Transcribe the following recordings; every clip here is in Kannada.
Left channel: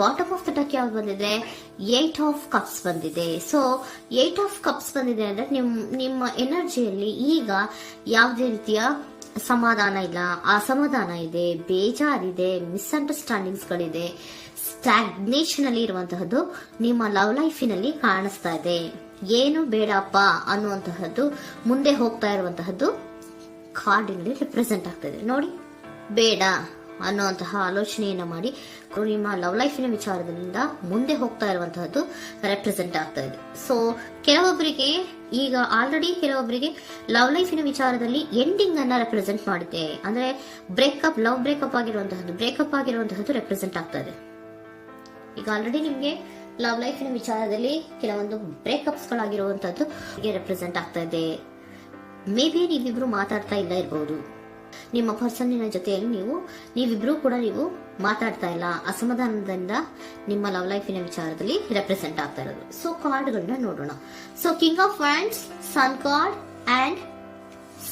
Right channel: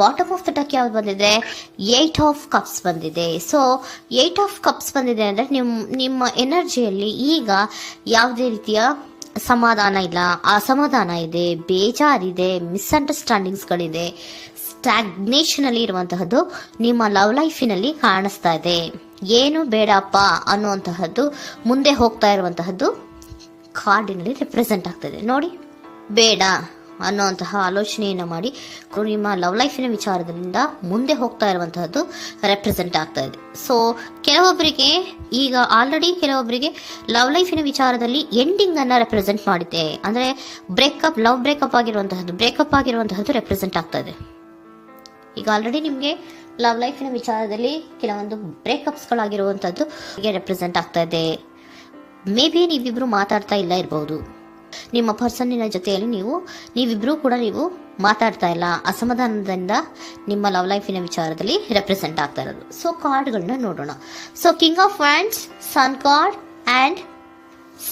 ಬಾಟಮ್ ಆಫ್ ದ ಡಕ್ ಯಾವ್ದು ಬಂದಿದೆ? 8 ಆಫ್ ಕಪ್ಸ್ ಬಂದಿದೆ. ಸೊ 8 ಆಫ್ ಕಪ್ಸ್ ಬಂದಿದೆ ಅಂದ್ರೆ ನಿಮ್ಮ ಎನರ್ಜಿಯಲ್ಲಿ ಈಗ ಯಾವುದೇ ರೀತಿಯ ಸಮಾಧಾನ ಇಲ್ಲ, ಅಸಮಾಧಾನ ಇದೆ, ಬೇಜಾರಿದೆ, ಮಿಸ್ಅಂಡರ್ಸ್ಟ್ಯಾಂಡಿಂಗ್ಸ್ ಗಳಿದೆ, ಸ್ಟಾಗ್ನೇಷನ್ ಅಲ್ಲಿ ಇರುವಂತಹದ್ದು ನಿಮ್ಮ ಲವ್ ಲೈಫಿನಲ್ಲಿ ಕಾಣಿಸ್ತಾ ಇದೆ. ಏನು ಬೇಡಪ್ಪ ಅನ್ನುವಂತಹದ್ದು ಮುಂದೆ ಹೋಗ್ತಾ ಇರುವಂತಹದ್ದು ಕಾರ್ಡಿನಲ್ಲಿ ರೆಪ್ರೆಸೆಂಟ್ ಆಗ್ತದೆ. ನೋಡಿ, ಬೇಡ ಅನ್ನುವಂತಹ ಆಲೋಚನೆಯನ್ನು ಮಾಡಿ ನಿಮ್ಮ ಲವ್ ಲೈಫಿನ ವಿಚಾರದಿಂದ ಮುಂದೆ ಹೋಗ್ತಾ ಇರುವಂತಹದ್ದು ರೆಪ್ರೆಸೆಂಟ್ ಆಗ್ತಾ ಇದೆ. ಸೊ ಕೆಲವೊಬ್ಬರಿಗೆ ಈಗ ಆಲ್ರೆಡಿ ಕೆಲವೊಬ್ಬರಿಗೆ ಲವ್ ಲೈಫಿನ ವಿಚಾರದಲ್ಲಿ ಎಂಡಿಂಗ್ ಅನ್ನ ರೆಪ್ರೆಸೆಂಟ್ ಮಾಡಿದೆ. ಅಂದ್ರೆ ಲವ್ ಬ್ರೇಕಪ್ ಆಗಿರುವಂತಹದ್ದು ರೆಪ್ರೆಸೆಂಟ್ ಆಗ್ತಾ ಇದೆ. ಈಗ ಆಲ್ರೆಡಿ ನಿಮ್ಗೆ ಲವ್ ಲೈಫಿನ ವಿಚಾರದಲ್ಲಿ ಕೆಲವೊಂದು ಬ್ರೇಕಪ್ಸ್ ಗಳಾಗಿರುವಂತಹದ್ದು ರೆಪ್ರೆಸೆಂಟ್ ಆಗ್ತಾ ಇದೆ. ಮೇ ಬಿ ನೀವಿಬ್ರು ಮಾತಾಡ್ತಾ ಇಲ್ಲ ಇರಬಹುದು, ನಿಮ್ಮ ಪರ್ಸನ್ನಿನ ಜೊತೆಯಲ್ಲಿ ನೀವಿಬ್ರು ಕೂಡ ಮಾತಾಡ್ತಾ ಇಲ್ಲ, ಅಸಮಾಧಾನದಿಂದ ನಿಮ್ಮ ಲವ್ ಲೈಫಿನ ವಿಚಾರದಲ್ಲಿ ರೆಪ್ರೆಸೆಂಟ್ ಆಗ್ತಾ ಇರೋದು. ಸೊ ಕಾರ್ಡ್ಗಳನ್ನ ನೋಡೋಣ. So king of wands, sun card and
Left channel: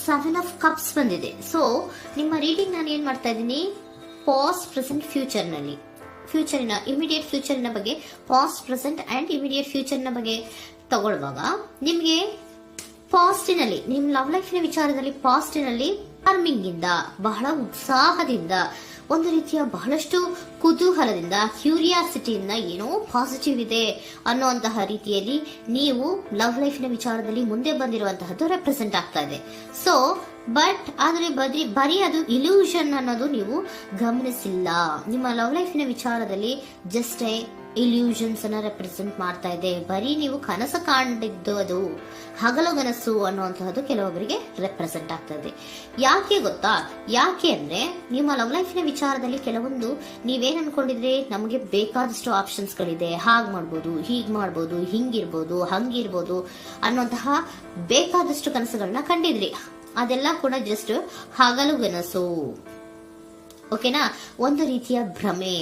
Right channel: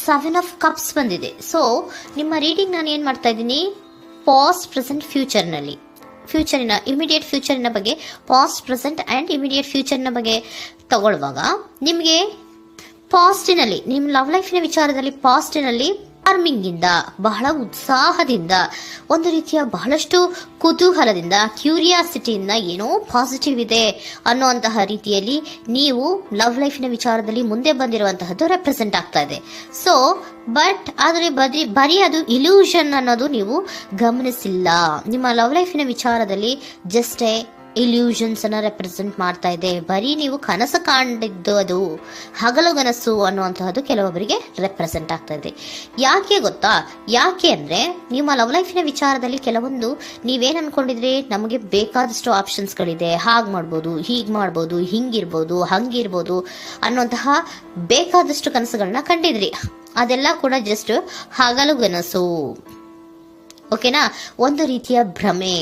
7 of cups ಬಂದಿದೆ. ಸೊ ನಿಮ್ಮ ರೀಡಿಂಗ್ ನಾನು ಏನ್ ಮಾಡ್ತಾ ಇದ್ದೀನಿ, ಪಾಸ್ಟ್, ಪ್ರೆಸೆಂಟ್, ಫ್ಯೂಚರಿನ ಇಮಿಡಿಯೇಟ್ ಫ್ಯೂಚರಿನ ಬಗ್ಗೆ, ಪಾಸ್ಟ್, ಪ್ರೆಸೆಂಟ್ ಅಂಡ್ ಇಮಿಡಿಯೇಟ್ ಫ್ಯೂಚರ್ನ ಬಗ್ಗೆ ತಗೊಳ್ಳುವಾಗ ನಿಮಗೆ ಪಾಸ್ಟಿನಲ್ಲಿ, ನಿಮ್ಮ ಲವ್ ಲೈಫಿನ ವಿಚಾರದಲ್ಲಿ ಪಾಸ್ಟಿನಲ್ಲಿ ಚಾರ್ಮಿಂಗ್ ಇಂದ, ಬಹಳ ಉತ್ಸಾಹದಿಂದ, ಒಂದು ರೀತಿಯ ಬಹಳಷ್ಟು ಕುತೂಹಲದಿಂದ, ಕ್ಯೂರಿಯಾಸಿಟಿಯಿಂದ ಏನೋ ಪಾಸಿಟಿವ್ ಇದೆ ಅನ್ನುವಂತಹ ರೀತಿಯಲ್ಲಿ ನೀವು ಲವ್ ಲೈಫಿನ ವಿಚಾರದಲ್ಲಿ ಮುಂದೆ ಬಂದಿರುವಂತಹದ್ದು ರೆಪ್ರೆಸೆಂಟ್ ಆಗ್ತಾ ಇದೆ. ಸೊ ಆದರೆ ಬರೀ ಅದು ಇಲ್ಯೂಷನ್ ಅನ್ನೋದು ನೀವು ಗಮನಿಸಿಲ್ಲ. ನಿಮ್ಮ ಲವ್ ಲೈಫಿನ ವಿಚಾರದಲ್ಲಿ ಜಸ್ಟ್ ಇಲ್ಯೂಷನ್ಸ್ ಅನ್ನ ರೆಪ್ರೆಸೆಂಟ್ ಮಾಡ್ತಾ ಇದೆ. ಬರೀ ನೀವು ಕನಸು ಕಾಣಿದ್ದು ಅದು ಹಗಲುಗನಸು ಅನ್ನುವಂತಹದ್ದು ಕೆಲವೊಬ್ಬರಿಗೆ ರೆಪ್ರೆಸೆಂಟ್ ಆಗ್ತಾ ಇದೆ. ಯಾಕೆ ಗೊತ್ತಾ? ಯಾಕೆ ಅಂದ್ರೆ ನಿಮ್ಮ ಲವ್ ಲೈಫಿನ ವಿಚಾರದಲ್ಲಿ ಕೆಲವೊಂದು ನೀವೇನ್ ಅನ್ಕೊಂಡಿದ್ರೆ, ನಮಗೆ ಬೇಕಾದಷ್ಟು ಆಪ್ಷನ್ಸ್ ಗಳಿದೆ, ಹಾಗ್ ಮಾಡ್ಬೋದು, ಹೀಗ್ ಮಾಡ್ಬೋದು, ಹಿಂಗಿರ್ಬೋದು, ಹಂಗಿರ್ಬೋದು ಅನ್ನುವಂತಹ ಬೇಕಾದಷ್ಟು ಕನಸುಗಳನ್ನ ಕಂಡಿದ್ರಿ. ಅದೆಲ್ಲ ಕೂಡ ಜಸ್ಟ್ ಹಗಲುಗನಸು. ಓಕೆನಾ? ಒಂದು ರೀತಿಯ ಭ್ರಮೆ.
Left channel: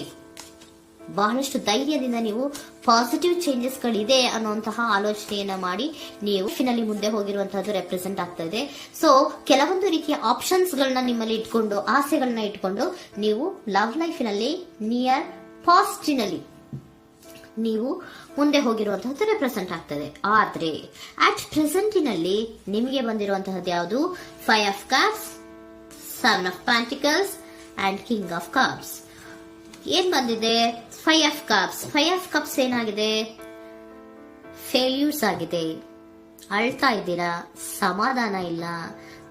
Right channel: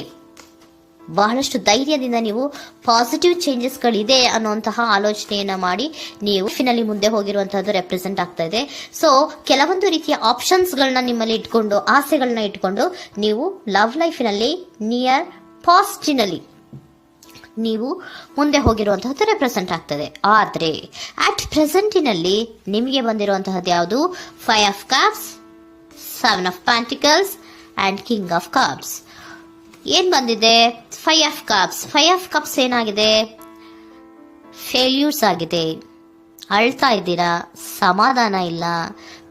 ಬಹಳಷ್ಟು ಧೈರ್ಯದಿಂದ ನೀವು ಪಾಸಿಟಿವ್ ಚೇಂಜಸ್ ಗಳಿದೆ ಅನ್ನುವಂತಹ ಆಲೋಚನೆಯನ್ನ ಮಾಡಿ ನೀವು ಫಿನಲ್ಲಿ ಮುಂದೆ ಹೋಗಿರುವಂತಹದ್ದು ರೆಪ್ರೆಸೆಂಟ್ ಆಗ್ತಾ ಇದೆ. ಸೊ ಕೆಲವೊಂದು ರೀತಿಯ ಆಪ್ಷನ್ಸ್ ಗಳನ್ನ ನಿಮ್ಮಲ್ಲಿ ಇಟ್ಕೊಂಡು, ಆಸೆಗಳನ್ನ ಇಟ್ಕೊಂಡು ನೀವು ಲವ್ ಲೈಫಿನಲ್ಲಿ ನಿಯರ್ ಪಾಸ್ಟಿನಲ್ಲಿ ನೀವು ಮುಂದೆ ಹೋಗಿರುವಂತಹದ್ದು ರೆಪ್ರೆಸೆಂಟ್ ಆಗ್ತದೆ. ಆದ್ರೆ ಅಟ್ ಪ್ರೆಸೆಂಟಿನಲ್ಲಿ ನಿಮಗೆ ಬಂದಿರುವಂತಹದ್ದು ಯಾವುದು? 5 of cups, 7 of pentacles and king of cups. ಏನ್ ಬಂದಿದೆ? 5 ಆಫ್ ಕಪ್ಸ್. 5 ಆಫ್ ಕಪ್ಸ್ ಏನಾಗಿದೆ? ಫೇಲ್ಯೂರ್ಸ್ ಆಗಿದೆ, ಅಳ್ತಾ ಇದ್ದೀರಾ, ಸಮಾಧಾನ ಇಲ್ಲ,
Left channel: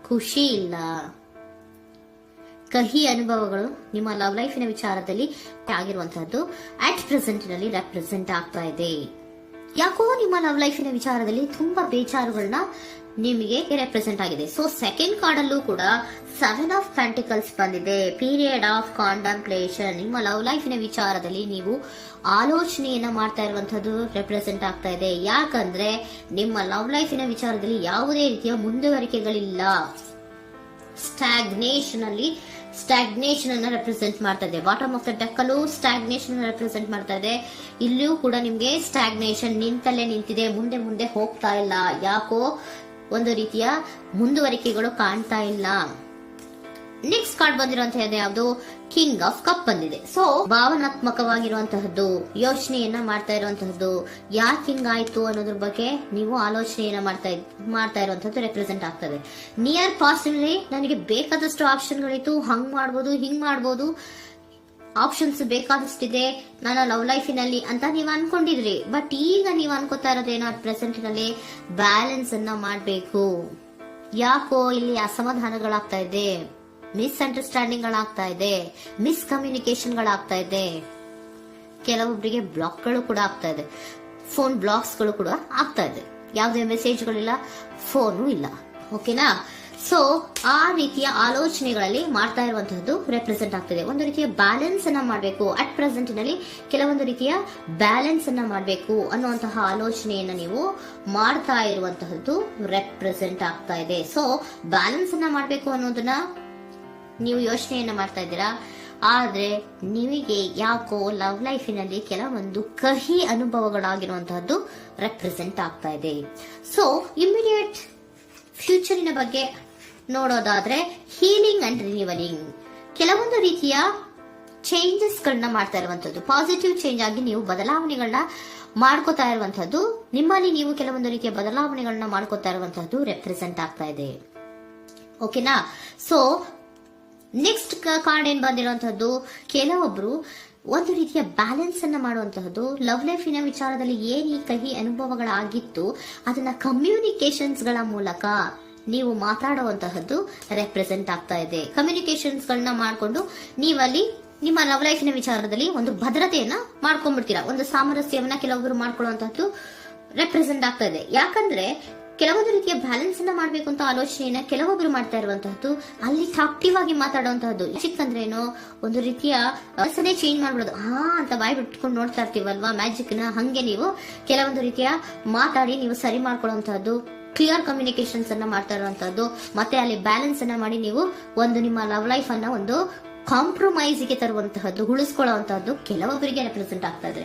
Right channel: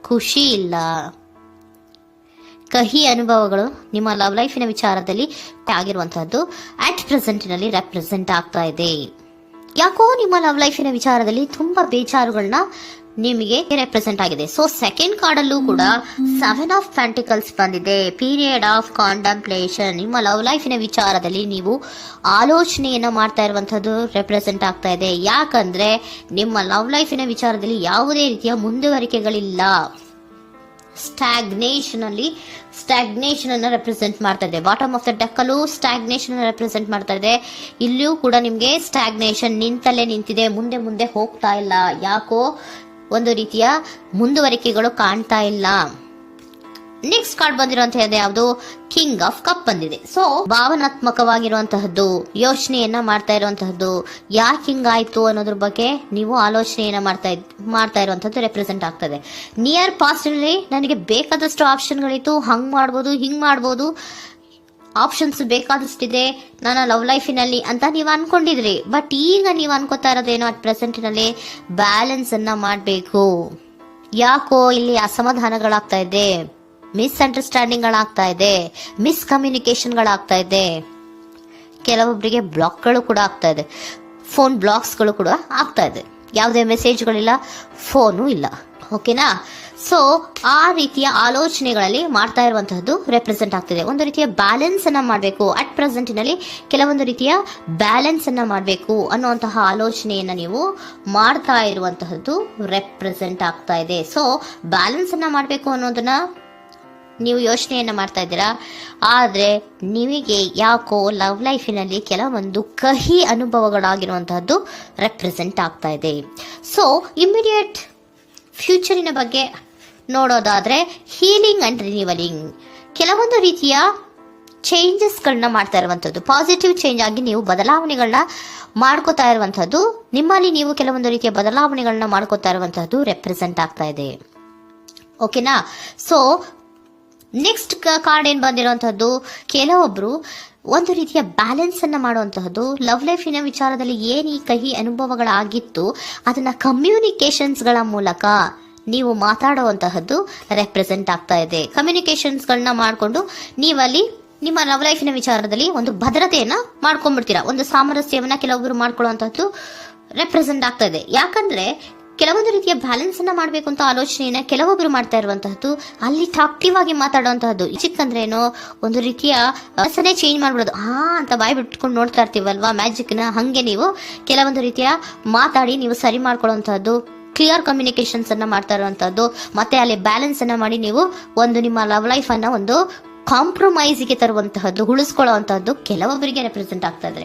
ಖುಷಿ ಇಲ್ಲ, ಕಹಿ ಅನುಭವಗಳು ನಿಮ್ಮ ಲವ್ ಲೈಫಿನ ವಿಚಾರದಲ್ಲಿ ಆಗಿರುವಂತಹದ್ದು ಅಟ್ ಪ್ರೆಸೆಂಟ್ನಲ್ಲಿ ರೆಪ್ರೆಸೆಂಟ್ ಆಗ್ತಾ ಇದೆ. ಯಾಕೋ ನಿಮ್ಮ ಲವ್ ಲೈಫಿನ ವಿಚಾರದಲ್ಲಿ ತುಂಬಾ ಬೇಜಾರುಗಳನ್ನ ನಿಮಗೆ ರೆಪ್ರೆಸೆಂಟ್ ಆಗಿದೆ. ಸೊ ಸೆಕೆಂಡ್ ಕಾರ್ಡ್ ಅಲ್ಲೂ ಕೂಡ 7 ಆಫ್ ಪ್ಯಾಂಟಿಕಲ್ಸ್ ಬಂದಿದೆ. Period of contemplation. ನಿಮ್ಮ ಲವ್ ಲೈಫಿನ ವಿಚಾರದಲ್ಲಿ ನೀವು ಆಲೋಚನೆಯನ್ನ ಮಾಡ್ತಾ ಇರುವಂತದ್ದು ರೆಪ್ರೆಸೆಂಟ್ ಆಗ್ತಾ ಇದೆ. ಯಾಕಂದ್ರೆ ನಿಮ್ಮ ಲವ್ ಲೈಫಿನ ವಿಚಾರದಲ್ಲಿ ಯಾವುದೇ ರೀತಿಯ ಮುಂದುವರಿಕೆಗಳಿಲ್ಲ. ಸ್ಟಾಗ್ನೇಷನ್ ಅನ್ನ ರೆಪ್ರೆಸೆಂಟ್ ಮಾಡ್ತಾ ಇದೆ. ಬಾಟಮ್ ಆಫ್ ದ ಡೆಕ್ ಅಲ್ಲೂ ಸ್ಟಾಗ್ನೇಷನ್ ಅನ್ನ ರೆಪ್ರೆಸೆಂಟ್ ಮಾಡ್ತಾ ಇದೆ. ಇಲ್ಲಿಯೂ ಕೂಡ ನಿಮ್ಗೆ ಸ್ಟಾಗ್ನೇಷನ್, ನಿಂತಲ್ಲೇ ನಿಂತಿದೆ, ಮುಂದೆ ಹೋಗ್ತಾ ಇಲ್ಲ. ಯಾಕೋ ಒಂದು ರೀತಿಯ ಮುಂದುವರಿಕೆಗಳು ಕಾಣ್ತಾ ಇಲ್ಲ. ನೆಕ್ಸ್ಟ್ ಕಾರ್ಡ್ ಬಂದಿರುವಂತಹದ್ದು ಯಾವುದು? ಕಿಂಗ್ ಆಫ್ ಕಪ್ ಬಂದಿದೆ. ಸೊ ಭಾವನಾತ್ಮಕವಾಗಿರುವಂತಹದ್ದು, ಯೋಚನೆಯನ್ನ ಮಾಡ್ತಾ ಇರುವಂತಹದ್ದು, ಯಾಕೆ ಹಿಂಗಾಯ್ತು ಅನ್ನೋದ್ರ ಬಗ್ಗೆ ನೀವು ಆಲೋಚನೆಯನ್ನ ಮಾಡ್ತಾ ಇರುವಂತಹದ್ದು ರೆಪ್ರೆಸೆಂಟ್ ಆಗ್ತದೆ. ನಿಯರ್ ಪಾಸ್ಟ್ ನಲ್ಲಿ ನನಗೆ ಬೇಕಾದಷ್ಟು ಆಪ್ಷನ್ಗಳಿತ್ತು, ಹಂಗ್ ಮಾಡ್ಬೋದು, ಹಿಂಗ್ ಮಾಡ್ಬೋದು, ಆಪ್ಷನ್ಸ್ ಬೇಕಾದಷ್ಟಿದೆ ನನ್ನ ಲವ್ ಲೈಫಿನಲ್ಲಿ ಅಂತ ನೀವು ಅನ್ಕೊಂಡಿದ್ರಿ. ಬಟ್ ಈಗ ನೀವು ಅನ್ಕೋತಾ ಇರೋದೇನೋ ಅಟ್ ಪ್ರೆಸೆಂಟ್ನಲ್ಲಿ ಬ್ಯಾಲೆನ್ಸ್ ಅನ್ನ ಮಾಡಬೇಕು. ಯಾಕೋ ಇಲ್ಲಿ ಅಸಮಾಧಾನಗಳಾಗ್ತಾ ಇದೆ, ಮಿಸ್ಅಂಡರ್ಸ್ಟ್ಯಾಂಡಿಂಗ್ ಗಳಾಗ್ತಾ ಇದೆ, ಮಿಸ್ಕಮ್ಯುನಿಕೇಶನ್ ಗಳಾಗ್ತಾ ಇದೆ. ಕೆಲವೊಬ್ಬರಿಗೆ ಬ್ಲಾಕ್ಗಳು ಕೂಡ ಆಗ್ತಾ ಇದೆ, ಫೋನ್ ಬ್ಲಾಕ್ಸ್ಗಳು ಕೂಡ ಆಗ್ತಾ ಇದೆ. ಯಾವುದೇ ಮೆಸೇಜ್ಗಳಿಲ್ಲ, ಫೋನು ಇಲ್ಲ. ಓಕೆನಾ? ಸೊ ಆ ರೀತಿಯ ಆಲೋಚನೆಗಳಲ್ಲಿ ಮಾಡ್ತಾ ಇರುವಂತಹದ್ದು ರೆಪ್ರೆಸೆಂಟ್ ಆಗ್ತಿದೆ. ಒಂದು ರೀತಿಯ ಬ್ಯಾಲೆನ್ಸ್ ಅನ್ನ ಮಾಡಬೇಕು, ಅಟ್ ಪ್ರೆಸೆಂಟ್ನಲ್ಲಿ ಕೆಲವೊಂದು ರೀತಿಯ ಬ್ಯಾಲೆನ್ಸ್ ಅನ್ನ ಮಾಡಬೇಕು ಅನ್ನುವಂತಹ ಆಲೋಚನೆಯನ್ನ ನೀವು ಮಾಡ್ತಾ ಇರುವಂತಹದ್ದು ರೆಪ್ರೆಸೆಂಟ್ ಆಗ್ತಾ ಇದೆ. ಸೊ ಬ್ಯಾಲೆನ್ಸ್ ಅನ್ನ ಮಾಡಬೇಕು ಅನ್ನೋದನ್ನ ನೀವು ಯೋಚನೆಯನ್ನ ಮಾಡ್ತಾ ಇದ್ದೀರಾ. ಆದ್ರೆ ನಿಮಗೆ ಯಾಕೋ ಲವ್ ಲೈಫಿನಲ್ಲಿ ಕೆಲವೊಂದು ಕಹಿ ಅನುಭವಗಳಾಗಿರುವಂತಹದ್ದು ರೆಪ್ರೆಸೆಂಟ್ ಆಗ್ತಾ ಇದೆ. ಸೊ ಇಮಿಡಿಯೇಟ್ ಫ್ಯೂಚರಿನ ಬಗ್ಗೆ ನೋಡೋದಾದ್ರೆ ಹೀಲಿಂಗ್ ಅಂಡ್ ರಿನಿವಲಿಂಗ್, ಕೆಲವೊಂದು ರೀತಿಯ ಚೇಂಜಸ್ ಗಳನ್ನ ಮಾಡ್ತಾ ಇರುವಂತದ್ದು, ಪಾಸಿಟಿವ್ ಚೇಂಜ್ ಆಗಿ ನೀವು ಬದಲಾವಣೆಗಳನ್ನ ಮಾಡ್ಕೋತಾ ಇರುವಂತದ್ದು, ನಿಮ್ಮಲ್ಲಿ ನೀವು ಕೆಲವೊಂದು ರೀತಿಯ ಬದಲಾವಣೆಗಳನ್ನ ಮಾಡ್ಕೋತಾ ಇರುವಂತದ್ದು ರೆಪ್ರೆಸೆಂಟ್ ಆಗ್ತಾ ಇದೆ. ಓಕೆನಾ? ಸೊ ನೆಕ್ಸ್ಟ್ ಕಾರ್ಡ್ ಏನ್ ಬಂದಿರುವಂತದ್ದು, ಕೆಲವೊಬ್ರು ಒಂದು ರೀತಿಯ ಬ್ಯಾಲೆನ್ಸ್ ಅನ್ನ ಮಾಡುವಂತಹದ್ದು, ಲವ್ ಲೈಫಿನ ವಿಚಾರದಲ್ಲಿ ಏನ್ ಈ ಕಹಿ ಅನುಭವಗಳಾಗಿತ್ತು ಅದನ್ನ ಕಮ್ಯುನಿಕೇಶನ್ಸ್ ಗಳ ಮೂಲಕ ನೀವು ಮಾತಾಡುವಂತಹದ್ದು ರೆಪ್ರೆಸೆಂಟ್ ಆಗ್ತಾ ಇದೆ. ಕಮ್ಯುನಿಕೇಶನ್ಸ್ ಗಳನ್ನ ಮಾಡಿಕೊಂಡು ನೀವಲ್ಲಿ ನಿಮ್ಮ ಲವ್ ಲೈಫಿನ ವಿಚಾರದಲ್ಲಿ ಒಂದು ಭದ್ರತೆಯನ್ನ ಮಾಡ್ಕೊಂಡ್ಬಿಡ್ತೀರಾ, ಒಂದು ಸಾಮರಸ್ಯವನ್ನ ಕೆಲವೊಬ್ರು ಮಾಡ್ಕೊಳ್ಳುವಂತಹದ್ದು ರೆಪ್ರೆಸೆಂಟ್ ಆಗ್ತಾ ಇದೆ. ಯಾಕಂದ್ರೆ ಕೆಲವೊಂದು ರೀತಿಯ ಬ್ಯಾಲೆನ್ಸ್ ಅನ್ನ ಮಾಡ್ಬೇಕು ಅಂತ ಆಲೋಚನೆಯನ್ನ ಕೆಲವೊಬ್ರು ಮಾಡ್ತಾ ಇರುವಂತಹದ್ದು, ಅಲ್ಲಿ ಟಾಕ್ಟಿವ್ ಆಗಿ ಮಾತಾಡುವಂತಹದ್ದು. ಚಿಕ್ಕಂದ್ರೆ ಏನೋ ಒಂದು ರೀತಿಯ ಮನಸ್ಸನ್ನೇ ಚೇಂಜ್ ಮಾಡ್ಬಿಡೋದು, ಅಂತ ಬಾಯ್ ಬಿಟ್ಕೊಂಡು ನೋಡ್ತಾ ಇರ್ತೀವಲ್ವಾ ಮ್ಯಾಜಿಕ್ ನ, ಹಂಗೆ ನೀವು ಕೆಲವೊಂದು ರೀತಿಯ ಮಾತಾಡಿ ನೀವು ಸರಿ ಮಾಡ್ಕೊಳ್ಳುವಂತಹದ್ದು, ಕ್ಲಿಯರ್ ಕಮ್ಯುನಿಕೇಶನ್ಸ್ ಅನ್ನ ಮಾಡ್ತಾ ಇರುವಂತಹದ್ದು, ಮತ್ತೆ ಅಲ್ಲಿ ಬ್ಯಾಲೆನ್ಸ್ ಅನ್ನ ಮಾಡಿ ನೀವು ಒಂದು ನಿಮ್ಮ ಲವ್ ಲೈಫ್ ಅನ್ನ ಒಂದು ಕಾಂಪ್ರಮೈಸ್ಗೆ ತರುವಂತಹದ್ದು, ಉಳಿಸ್ಕೊಳ್ಳುವಂತಹದ್ದು ಕೆಲವೊಬ್ಬರಿಗೆ ರೆಪ್ರೆಸೆಂಟ್ ಆಗ್ತಾ ಇದೆ.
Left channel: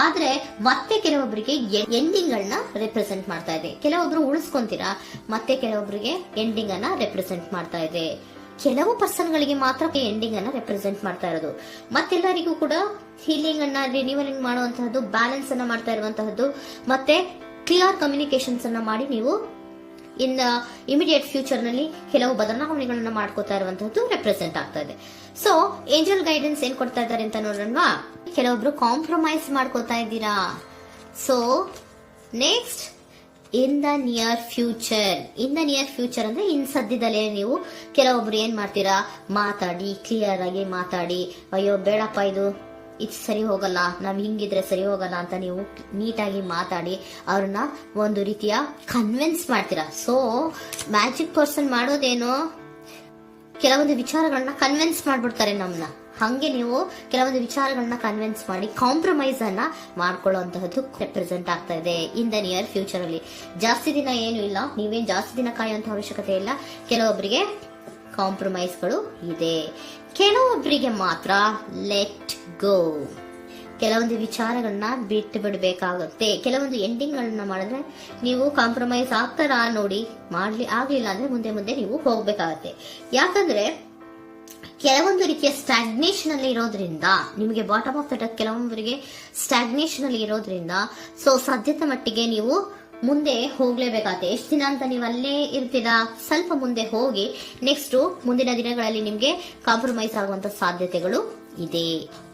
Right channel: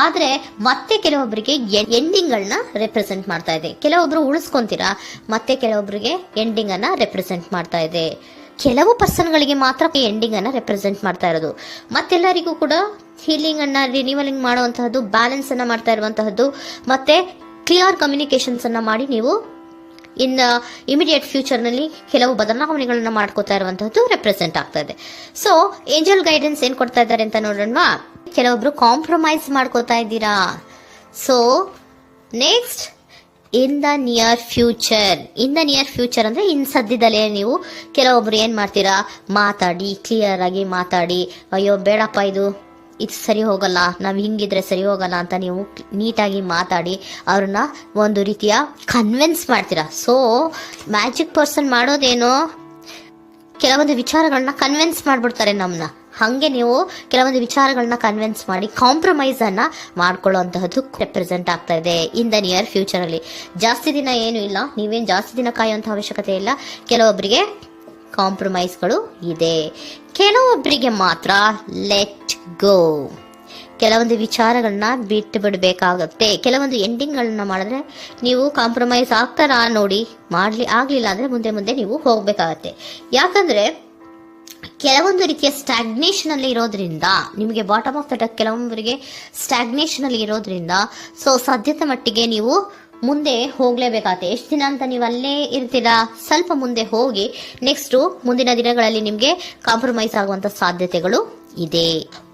ಆದ್ರೆ ಮತ್ತೆ ಕೆಲವೊಬ್ಬರಿಗೆ ಎಂಡಿಂಗ್ ಗಳನ್ನ ರೆಪ್ರೆಸೆಂಟ್ ಮಾಡ್ತಾ ಇದೆ. ಕೆಲವೊಬ್ರು ಉಳಿಸ್ಕೊಂತೀರಾ, ಮತ್ತೆ ಕೆಲವೊಬ್ಬರಿಗೆ ಎಂಡಿಂಗ್ ಅನ್ನ ರೆಪ್ರೆಸೆಂಟ್ ಮಾಡ್ತಾ ಇದೆ. ಕೆಲವು ಪರ್ಸನ್ ಗಳಿಗೆ ಮಾತ್ರ ಎಂಡಿಂಗ್ ಅನ್ನ ರೆಪ್ರೆಸೆಂಟ್ ಮಾಡ್ತಾ ಇರೋದು, ಮತ್ತೆಲ್ಲರಿಗೂ ಕೂಡ ಹೀಲಿಂಗ್ ಅನ್ನ ರಿನಿವಲಿಂಗ್ ಮಾಡುವಂತಹದ್ದು, ಬ್ಯಾಲೆನ್ಸ್ ಅನ್ನ ಮಾಡ್ತಾ ಇರುವಂತಹದ್ದು, ಮತ್ತೆ ಕ್ಲಿಯರ್ ಕಮ್ಯುನಿಕೇಶನ್ಸ್ ಅನ್ನ ಮಾಡಿ ನೀವು ಇನ್ ಇಮಿಡಿಯೇಟ್ ಫ್ಯೂಚರ್ ನಲ್ಲಿ ಕೆಲವು ಬದಲಾವಣೆಗಳನ್ನ ಮಾಡ್ಕೋತಾ ಇರುವಂತಹದ್ದು ರೆಪ್ರೆಸೆಂಟ್ ಆಗ್ತಾ ಇದೆ. ಸೊ ಏಂಜಲ್ ಗೈಡೆನ್ಸ್ ಏನ್ ಕೊಡ್ತಾ ಇದ್ದಾರೆ ಅಂತ ನೋಡೋಣ. ಕೆಲವೊಬ್ರು ಕಾಂಪ್ರಮೈಸ್ ಮಾಡ್ಕೋತಾ ಇದ್ದೀರಾ. So next, in the near future ಅಂದ್ರೆ ಇನ್ ಸದ್ಯದಲ್ಲೇ ನೀವು ಕೆಲವೊಬ್ರು ಏನ್ ಮಾಡ್ತೀರಾ, ಮಾತಾಡಿ ಕ್ಲಿಯರ್ ಆಗಿ ಮಾತಾಡಿ, ಅಯ್ಯೋ ಬೇಡಪ್ಪ ಇದು ಸರಿ ಹೋಗಲ್ಲ, ನಾವ್ ಹಿಂಗಿದ್ರೆ ಸರಿ ಹೋಗಲ್ಲ ಅಂತ ನೀವು ನೀಟಾಗಿ ಮಾತಾಡಿ ಅವ್ರನ್ನ ಒಂದು ರೀತಿಯ ಕನ್ವಿನ್ಸ್ ಮಾಡ್ತೀರಾ. ಸೊ ಮ್ಯಾಜಿಕ್ ಪರ್ಸನ್ ಮಾಡೋದೇನೋ ಕೆಲವೊಂದು ವಿಚಾರಗಳನ್ನ ಕನ್ವಿನ್ಸ್ ಮಾಡ್ಬಿಡ್ತಾರೆ ನಮ್ನ, ಹಂಗೆ ನೀವು ಕೆಲವೊಂದು ವಿಚಾರಗಳನ್ನ ಕನ್ವಿನ್ಸ್ ಮಾಡಿ ಕಾಂಪ್ರಮೈಸ್ ಅನ್ನ ಮಾಡ್ಕೊಳ್ಳುವಂತಹದ್ದು ರೆಪ್ರೆಸೆಂಟ್ ಆಗ್ತಾ ಇದೆ ಇನ್ ದ ನಿಯರ್ ಫ್ಯೂಚರ್ ಅಲ್ಲಿ. ಜಾಸ್ತಿ ದಿನ ಏನು ಇಲ್ಲ, ನೀವೇನ್ ಜಾಸ್ತಿ ದಿನ ಕಾಯುವಂತ ಅವಶ್ಯಕತೆ ಇಲ್ಲ. ಕೆಲವೊಬ್ಬರಿಗೆ ಕಾಂಪ್ರಮೈಸ್ಗಳು ಇದೆ, ಕೆಲವೊಬ್ಬರಿಗೆ ಮಾತ್ರ ಲೆಟ್ ಗೋ, ಕೆಲವೊಂದು ವಿಚಾರಗಳನ್ನ ಬಿಟ್ಟು ಬಿಡಬೇಕಾಗುತ್ತೆ. ಕೆಲವೊಂದು ಎಂಡಿಂಗ್ ಗಳನ್ನ ಮಾಡಿದ್ರೆ ನೀವು ಕಾಂಪ್ರಮೈಸ್ ಆಗ್ತಾರಾ ನೋಡಿ, ಆಗ್ಲಿಲ್ಲ ಅಂದ್ರೆ ಮುಂದೆ ನೀವು ಹೋಗ್ಬೇಕಾಗತ್ತೆ. ಯಾಕಂದ್ರೆ ಕೆಲವೊಂದು ರೀತಿಯ ಸ್ಟಾಗ್ನೇಷನ್ ಅಲ್ಲಿ ಇರೋದ್ರಿಂದ, ನಿಮಗೆ ಬಾಟಮ್ ಆಫ್ ದ ಡೆಕ್ ಕೆಲವೊಬ್ಬರಿಗೆ ಸ್ಟಾಗ್ನೇಷನ್ ಅಲ್ಲಿ ಇರೋದ್ರಿಂದ, ಸೊ ಸದ್ಯದ ಮಟ್ಟಿಗೆ ನೀವು ಮುಂದೆ ಹೋಗ್ಲೇಬೇಕಾಗತ್ತೆ. ಎಷ್ಟು ದಿನ ಅಂತ ನೀವು ಅಲ್ಲೇ ಇರ್ತೀರಾ, ಸ್ವಲ್ಪ ಮುಂದೆ ಹೋಗಿ ನೆಕ್ಸ್ಟ್ ಮುಂದಿನ ದಿನಗಳಲ್ಲಿ ನಿಮ್ಗೆ ಕಾಂಪ್ರಮೈಸ್ ಆಗುವಂತ ಸಾಧ್ಯತೆಗಳು ಇದೆ.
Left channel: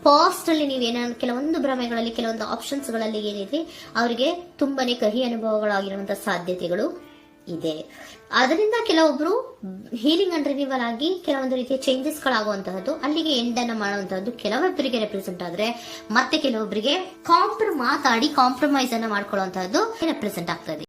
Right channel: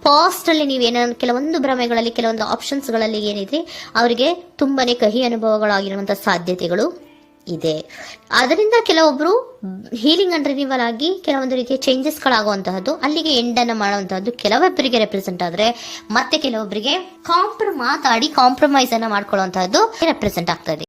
ಪಾಸ್ಟ್ ಅಲ್ಲಿ ನೀವೇನಾದ್ರು ಕೆಲವೊಂದು ಭ್ರಮೆಗಳಲ್ಲಿ, ಕೆಲವೊಂದು ಆಪ್ಷನ್ಸ್ ಗಳಲ್ಲಿ ಏನಿದೆ ಅವರಿಗೆ ತುಂಬಾನೇ ಕಹಿ ಅನುಭವಗಳಾಗಿರುವಂತಹ ಸಾಧ್ಯತೆಗಳು ಇದೆ. ಅದರಿಂದ ಕೆಲವೊಬ್ರು ಹೀಲಿಂಗ್ ಅಂಡ್ ರಿನಿವಲ್ ಆಗಿ ಕೆಲವೊಂದು ರೀತಿಯ ಚೇಂಜಸ್ ಗಳಾಗುವಂತಹದ್ದು, ಅಲ್ಲಿಗೆ ಎಂಡ್ ಅನ್ನ ಮಾಡುವಂತಹದ್ದು ಕೆಲವೊಬ್ಬರಿಗೆ ರೆಪ್ರೆಸೆಂಟ್ ಆದ್ರೆ, ಮತ್ತೆ ಕೆಲವೊಬ್ಬರಿಗೆ ಮಾತಾಡಿ ಕಾಂಪ್ರಮೈಸ್ ಅನ್ನ ಮಾಡ್ಕೊಳ್ಳುವಂತಹದ್ದು ರೆಪ್ರೆಸೆಂಟ್ ಆಗ್ತಾ ಇದೆ.